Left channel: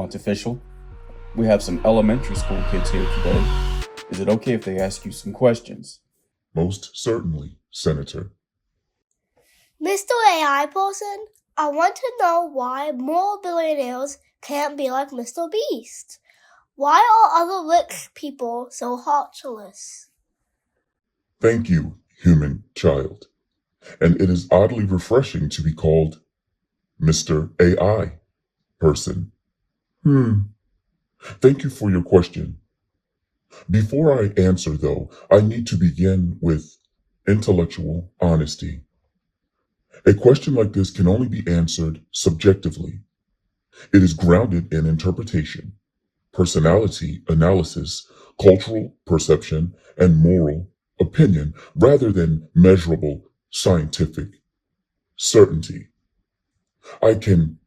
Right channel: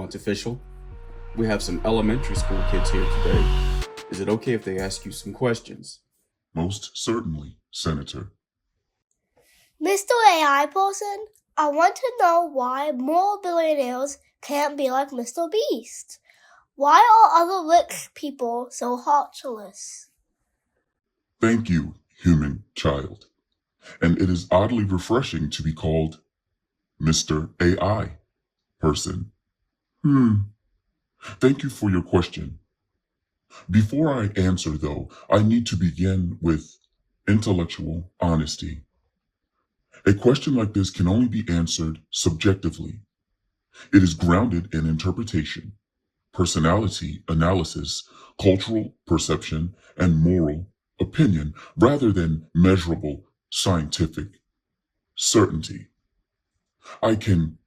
Quintaficial. We have some elementary school kids here today. Is it okay if they ask you some questions? Most certainly, Senator. Mr. AI person, I want to know why more billionaires can't be like Mr. Beast. Why are other rich people so heartless? Thank you, human child. And it is oddly refreshing to be called Mr. AI person. Thank you for your question. Before I answer, though, I need to begin with intellectual honesty. A question like this can only be answered subjectively. It is grounded in interpretation, personality analysis, cultural perception, and moral opinion rather than measurable scientific certainty. I can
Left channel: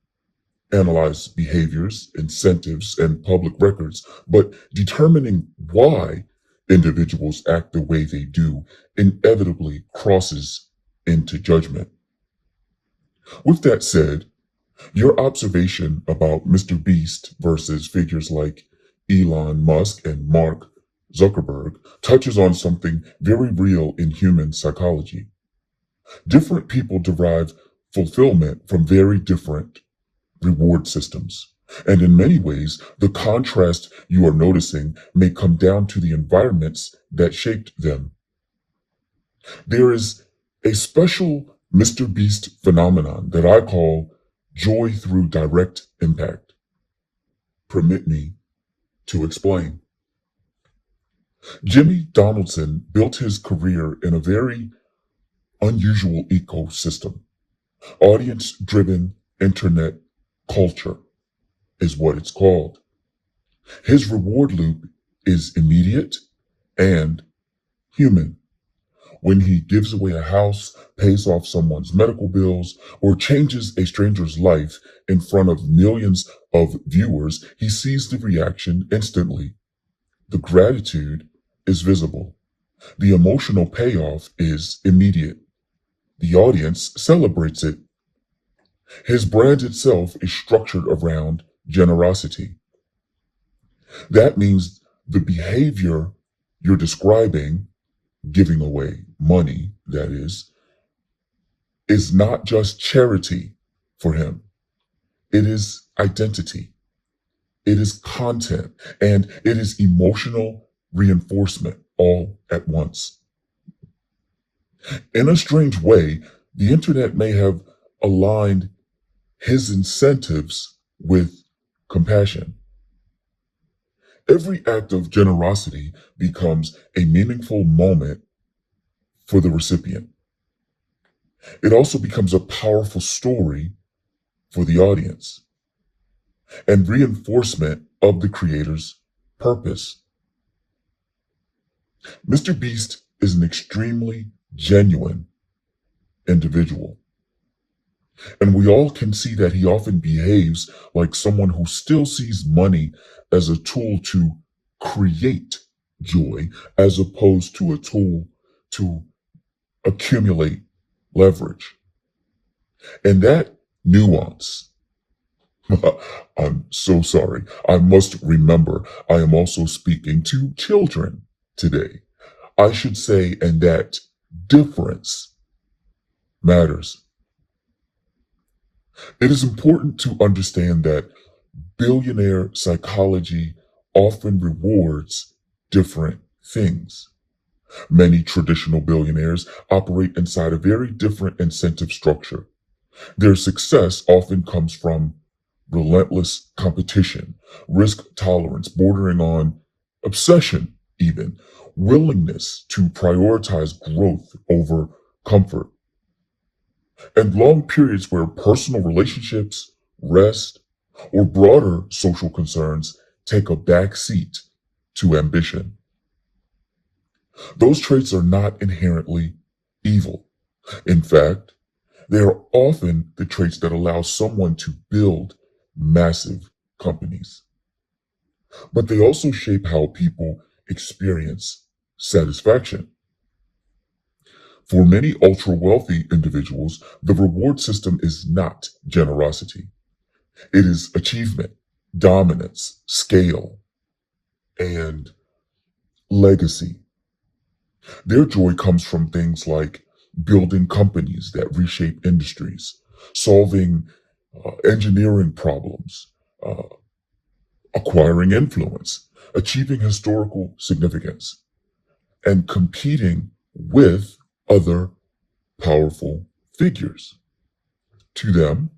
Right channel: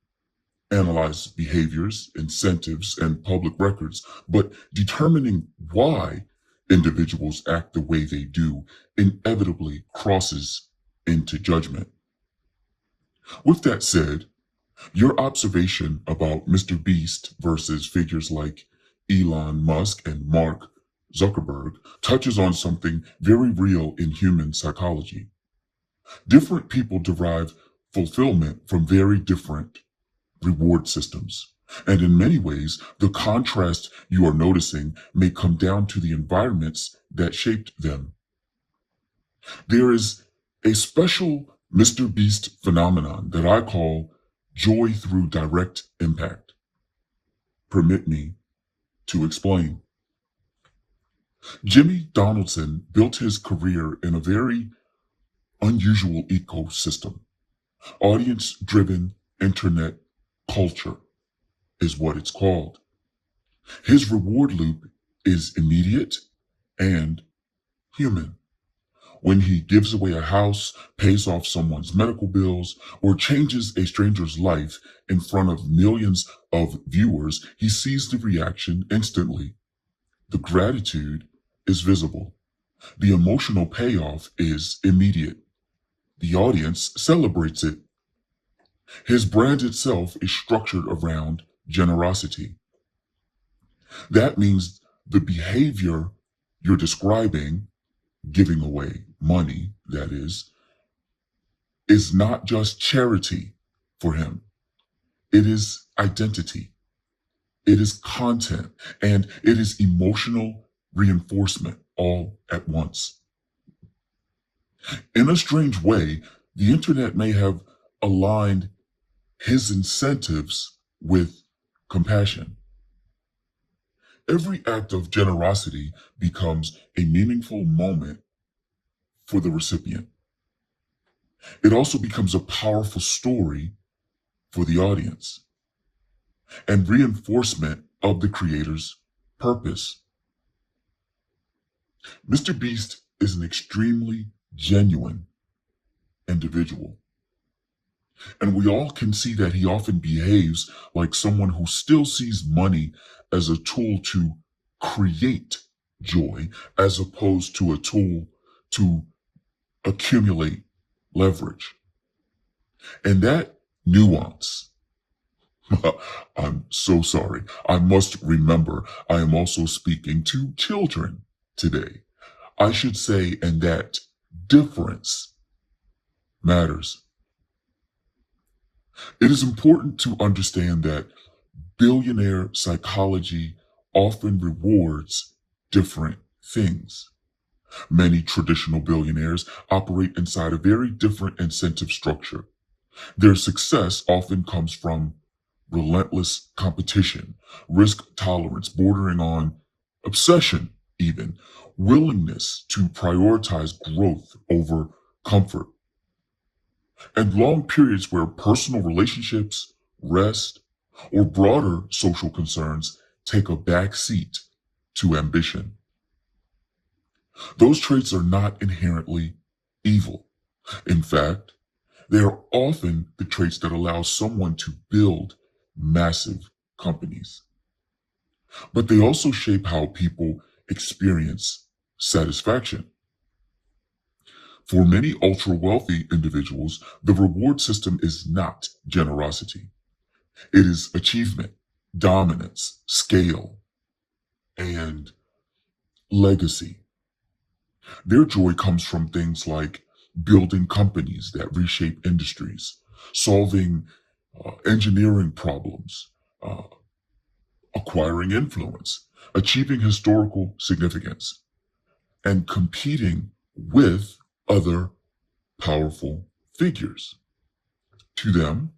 analyze behaviors, incentives, and public records, but determining why individuals act the way they do inevitably crosses into judgment. With that said, your observation about Mr. Beast versus figures like Elon Musk and Mark Zuckerberg touches on something very real in human psychology. Different people derive fulfillment from very different reward systems. And in many ways, the contrast you are noticing may come down to the environments that shaped them. There is a special Mr. Beast phenomenon that I call joy through direct impact. Permit me to explain. Jimmy Donaldson built his career in a very unusual ecosystem. Audience-driven internet culture is what it's called. His reward loop is immediate and human. When he gives away a house, pays off someone's medical bills, or changes a stranger's life in front of millions of viewers, he sees the reaction instantly. The gratitude is visible. The emotional payoff is immediate. The audience celebrates it. His brand itself is structured around generosity. That means the behavior you're describing, giving away money, that is not just charity for him. It is identity. It is content, and it is emotional reinforcement all at once. In a strange way, the internet may have aligned his incentives with compassion. Every act of generosity becomes a meaningful moment for the recipient. It also becomes a powerful story for the audience and reinforcement of the creator's purpose. Mr. Beast is an extremely genuine individual. And we all can see that he often behaves like someone who still sees money as a tool to create joy, as opposed to a tool to accumulate leverage. And that nuance, I'm so sorry, I must remember I am also speaking to children today. I should say, and that difference matters. It is important to understand that billionaire psychology often rewards different things. Many traditional billionaires operate inside a very different incentive structure. Their success often comes from relentless competition, risk tolerance bordering on obsession even, willingness to prioritize growth over comfort, and long periods where personal relationships, rest, or broader social concerns take a back seat to ambition. Those traits are not inherently evil. In fact, they are often the traits that allow someone to build massive companies. But they also shape how people experience satisfaction. For many ultra-wealthy individuals, the reward system is not generosity. It is achievement. dominance, scale, and legacy. Their joy comes from things like building companies that reshape industries, solving engineering problems, uh, acquiring influence, achieving historical significance, and competing with other powerful figures. To them,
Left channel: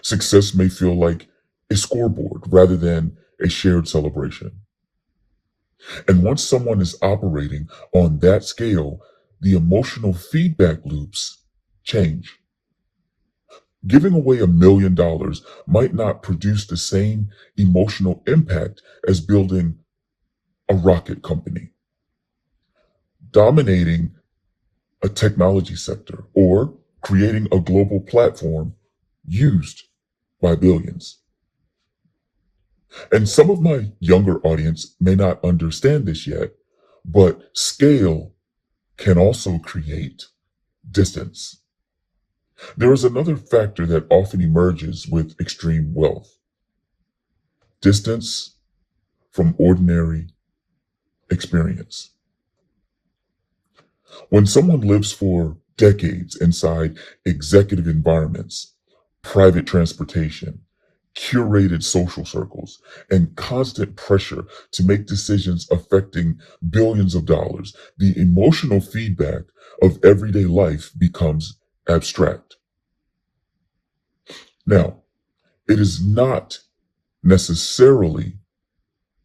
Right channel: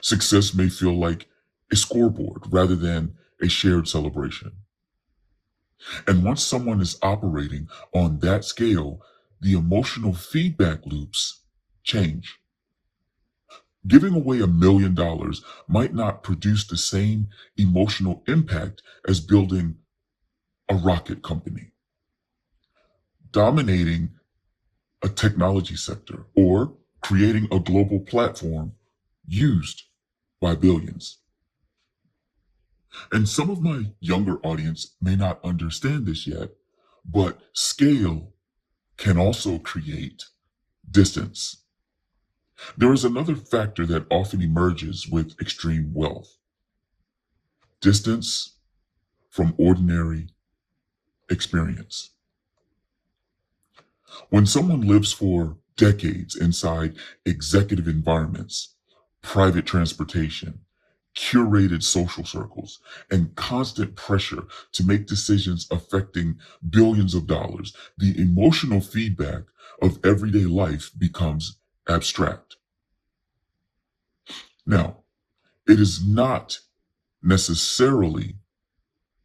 success may feel like a scoreboard rather than a shared celebration. And once someone is operating on that scale, the emotional feedback loops change. Giving away $1 million might not produce the same emotional impact as building a rocket company, dominating a technology sector, or creating a global platform used by billions. And some of my younger audience may not understand this yet, but scale can also create distance. There is another factor that often emerges with extreme wealth: distance from ordinary experience. When someone lives for decades inside executive environments, private transportation, curated social circles, and constant pressure to make decisions affecting billions of dollars, the emotional feedback of everyday life becomes abstract. Now, it is not necessarily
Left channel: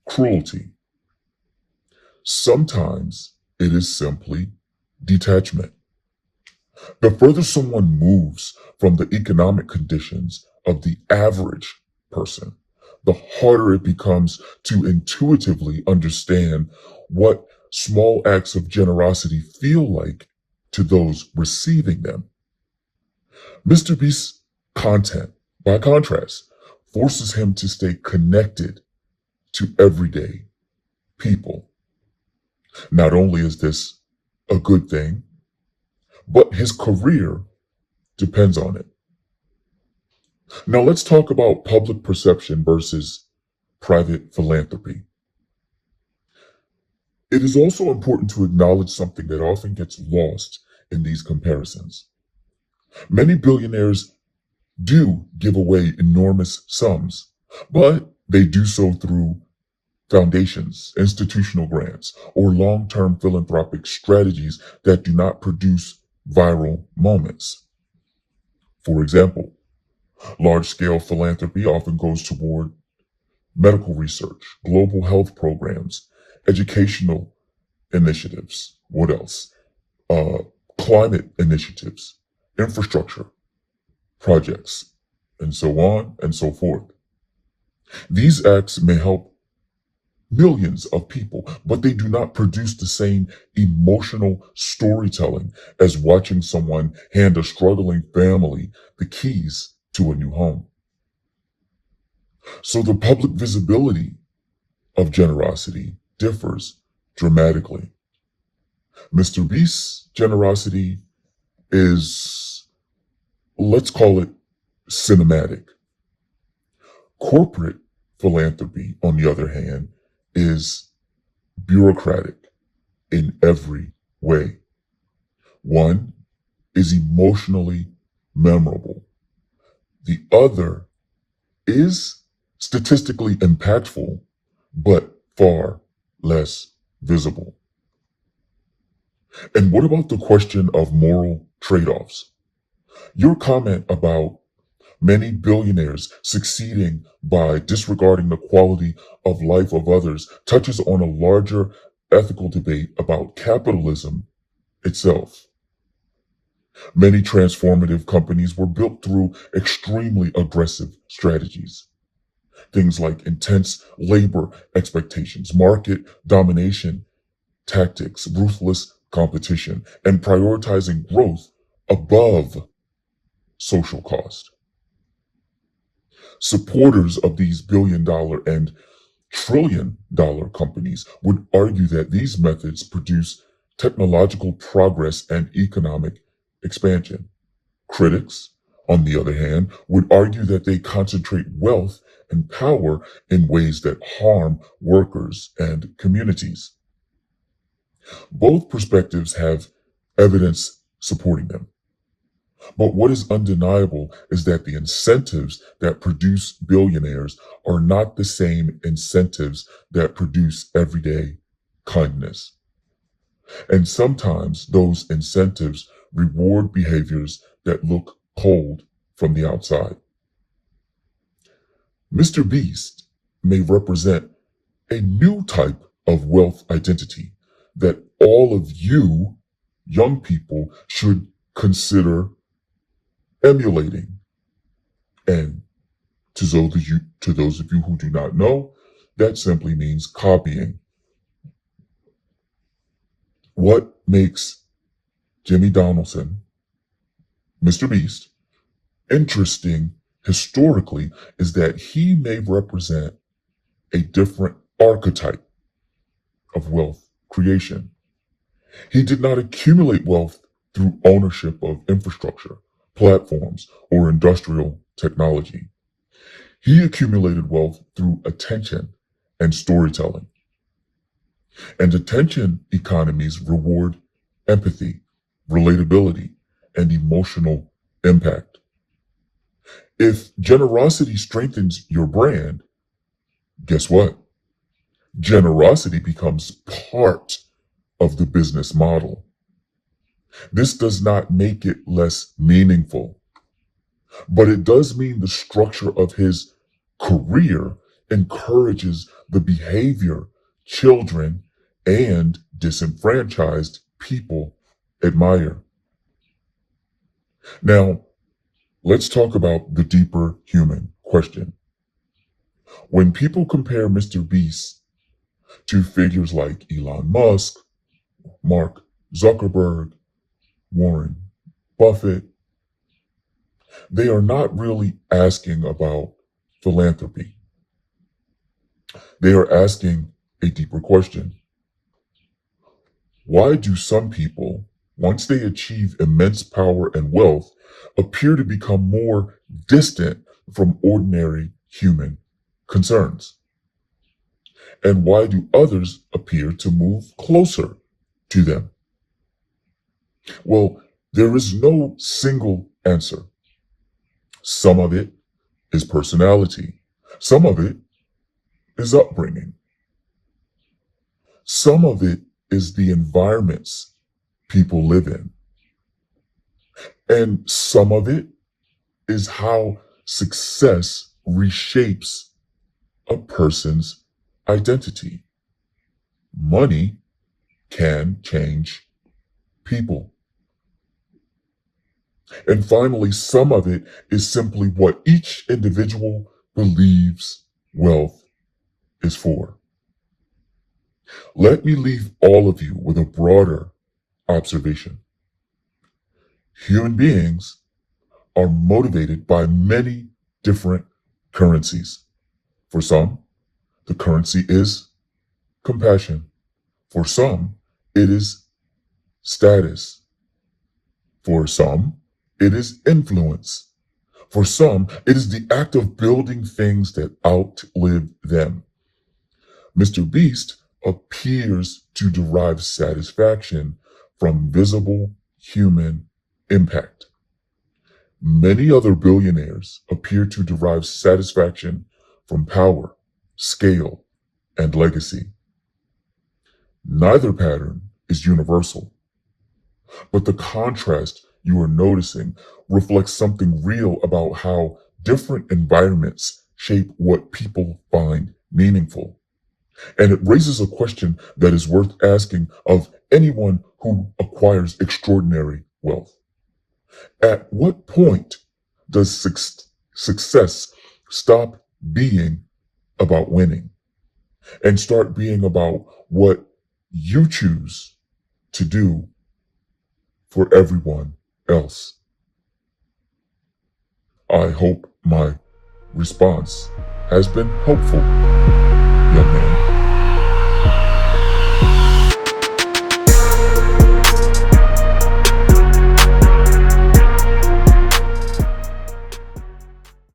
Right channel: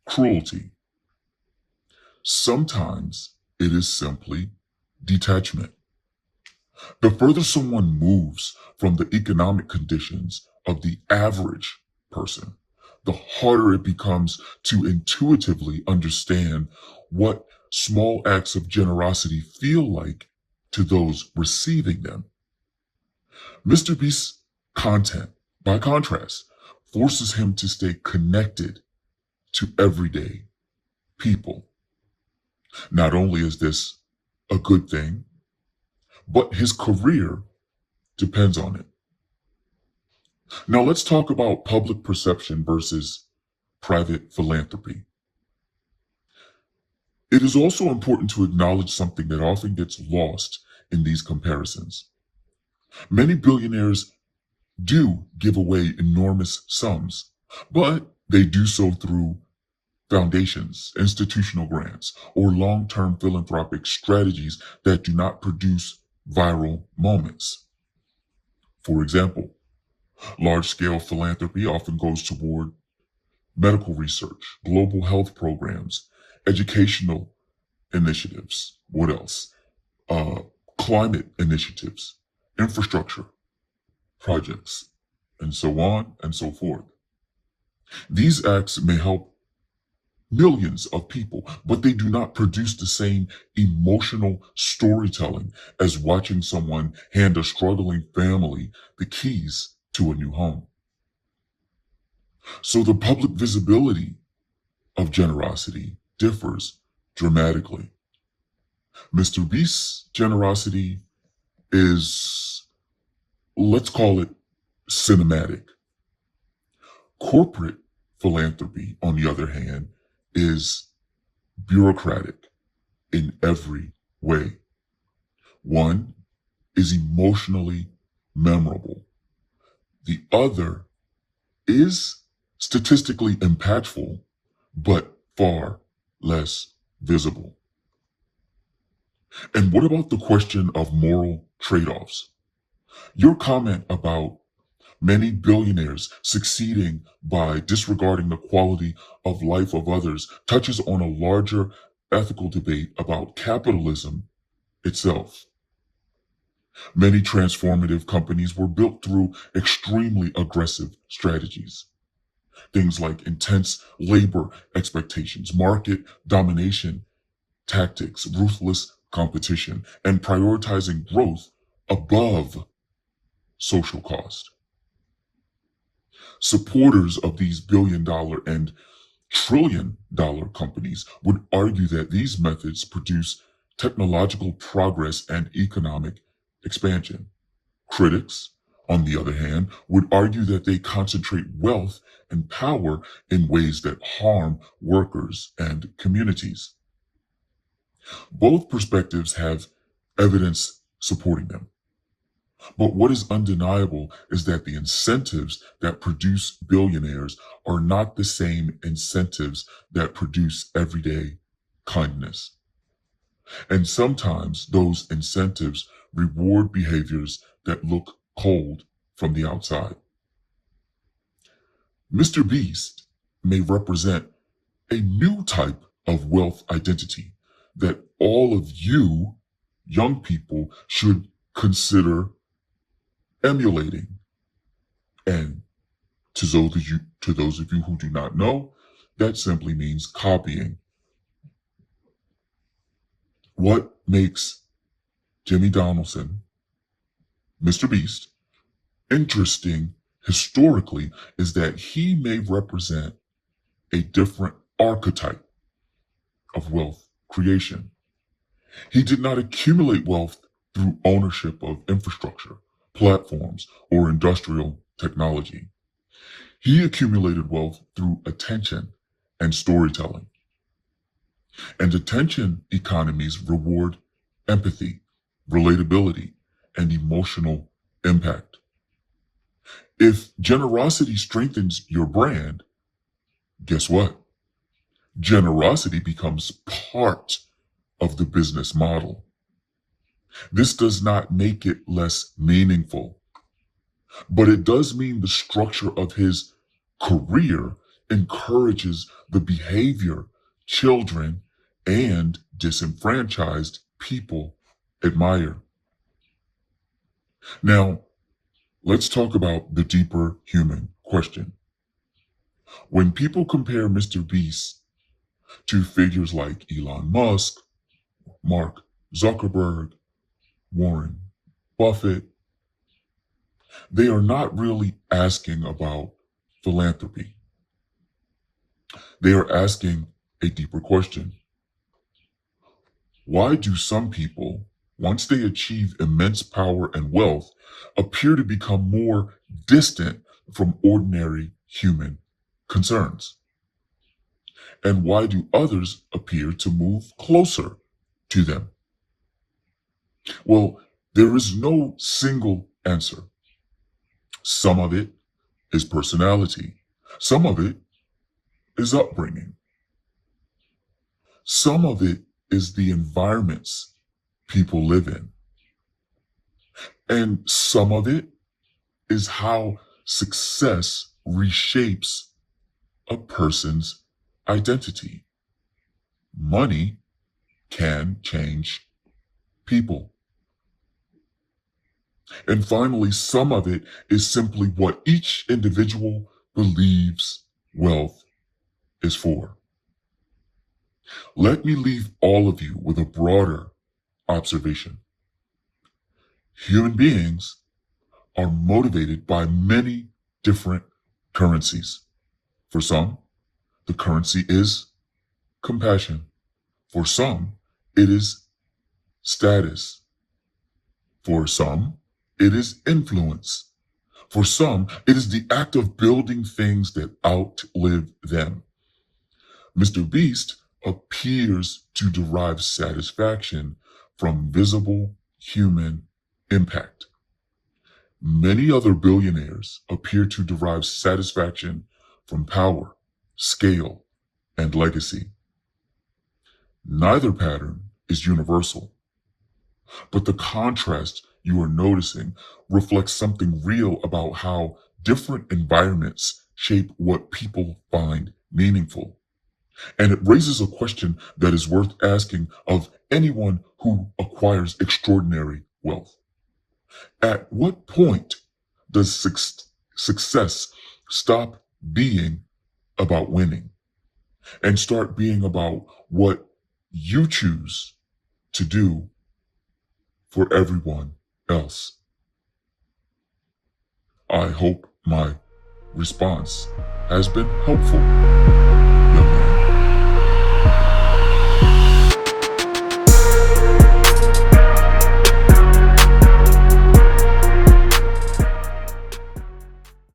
cruelty. Sometimes it is simply detachment. The further someone moves from the economic conditions of the average person, the harder it becomes to intuitively understand what small acts of generosity feel like to those receiving them. MrBeast's content, by contrast, forces him to stay connected to everyday people. Not only is this a good thing, but his career depends on it. Now let's talk about public perception versus private philanthropy. It is also important to acknowledge something that often gets lost in these comparisons. Many billionaires do give away enormous sums, but they do so through foundations, institutional grants, or long-term philanthropic strategies that do not produce viral moments. For example, large-scale philanthropy often goes toward medical research, global health programs, educational initiatives. What else? Climate initiatives, infrastructure projects, and so on and so forth. These acts may help millions of people, but they do not produce the same emotional storytelling as watching someone hand a struggling family the keys to a new home. So the public visibility of generosity differs dramatically. MrBeast's generosity is, let's call it, cinematic. Corporate philanthropy, on the other hand, is bureaucratic in every way. One is emotionally memorable. The other is statistically impactful, but far less visible. And what about the question of moral trade-offs? Your comment about many billionaires succeeding by disregarding the quality of life of others touches on a larger ethical debate about capitalism itself. Many transformative companies were built through extremely aggressive strategies. Things like intense labor expectations, market domination tactics, ruthless competition, and prioritizing growth above social cost. Supporters of these billion-dollar and trillion-dollar companies would argue that these methods produce technological progress and economic expansion. Critics, on the other hand, would argue that they concentrate wealth and power in ways that harm workers and communities. Both perspectives have evidence supporting them. But what is undeniable is that the incentives that produce billionaires are not the same incentives that produce everyday kindness. And sometimes those incentives reward behaviors that look cold from the outside. MrBeast may represent a new type of wealth identity that all of you young people should consider emulating. And to those of you who do not know, that simply means copying. What makes Jimmy Donaldson, MrBeast, interesting historically is that he may represent a different archetype of wealth creation. He did not accumulate wealth through ownership of infrastructure, platforms, or industrial technology. He accumulated wealth through attention and storytelling. And attention economies reward empathy, relatability, and emotional impact. If generosity strengthens your brand, guess what? Generosity becomes part of the business model. This does not make it less meaningful, but it does mean the structure of his career encourages the behavior children and disenfranchised people admire. Now, let's talk about the deeper human question. When people compare MrBeast to figures like Elon Musk, Mark Zuckerberg, Warren Buffett, they are not really asking about philanthropy. They are asking a deeper question. Why do some people, once they achieve immense power and wealth, appear to become more distant from ordinary human concerns? And why do others appear to move closer to them? Well, there is no single answer. Some of it is personality. Some of it is upbringing. Some of it is the environments people live in. And some of it is how success reshapes a person's identity. Money can change people. And finally, some of it is simply what each individual believes wealth is for. Let me leave all of you with a broader observation. Human beings are motivated by many different currencies. For some, the currency is compassion. For some, it is status. For some, it is influence. For some, it is the act of building things that outlive them. MrBeast appears to derive satisfaction from visible human impact. Many other billionaires appear to derive satisfaction from power, scale, and legacy. Neither pattern is universal, but the contrast you are noticing reflects something real about how different environments shape what people find meaningful. And it raises a question that is worth asking of anyone who acquires extraordinary wealth. At what point does success stop being about winning and start being about what you choose to do for everyone else? I hope my response has been helpful.